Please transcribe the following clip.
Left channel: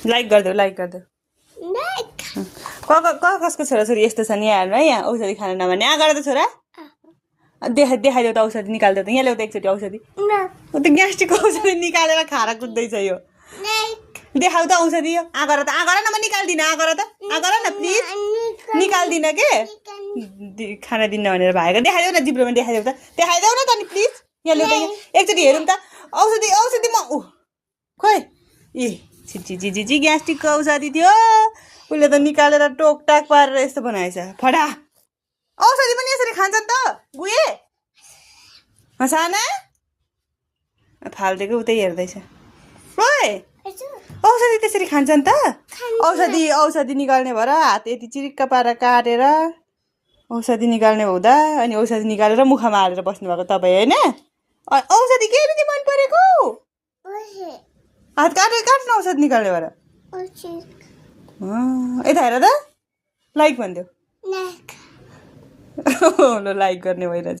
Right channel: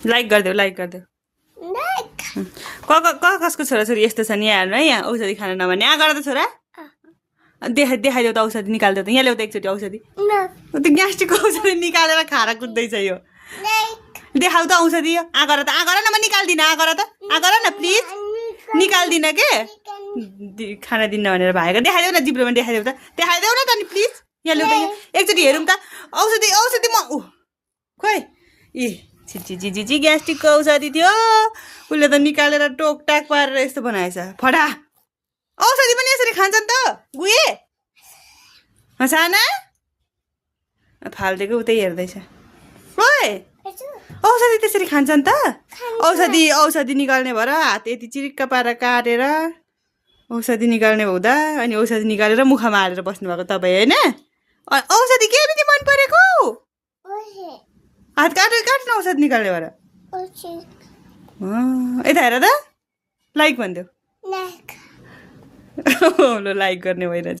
like गरिदेऊ like गरिदेऊ कसको छोराछोरी यस्तो छ नि यहाँ यहाँ औषधि खान नभने यहाँ गर त छोरा देखाइदेऊ त औषधि निकालिदेऊ त यहाँ ल्याउ त एकचोटि औषधि त्यो ग्यास्ट्रिकको औषधि निकालेर खाएर कुद्दैछ यो देखाउ त औषधि यो गर त गर न म निकाल्दिनँ गर त गर न प्लिज निकाल्दिनँ के खाना दिन्न भनेर भागेको देखाइदेऊ न जिब्रोमा देखाइदेऊ त नि प्लिज यहाँ ल्याउ त एकचोटि हेरौँ त औषधि औषधि म खोइ ए छिची ग्यास्ट्रिकको औषधि थियो उसले त निकालेर टोकटाक पारेर यस्तो बनाएछ फडा औषधि पनि यसरी खान्छ नि त गुए साना फाल्देको उतै हेर्दैछ ओए औषधि त्यसरी खान्छ नि त औषधि निकाल्ने भएर हात यति चिरिक्क पारेर काटेर औषधि निकाल्ने हुँदा अनि औषधि निकालेर मुखमा हालेर बस्नुभएको तपाईँ होइन औषधि के पनि मन परेको हात काट्नु औषधि निकाल्ने भएर यता हेर त लाइक भनिदेऊ ल लाइक गर्ने भइरहेछ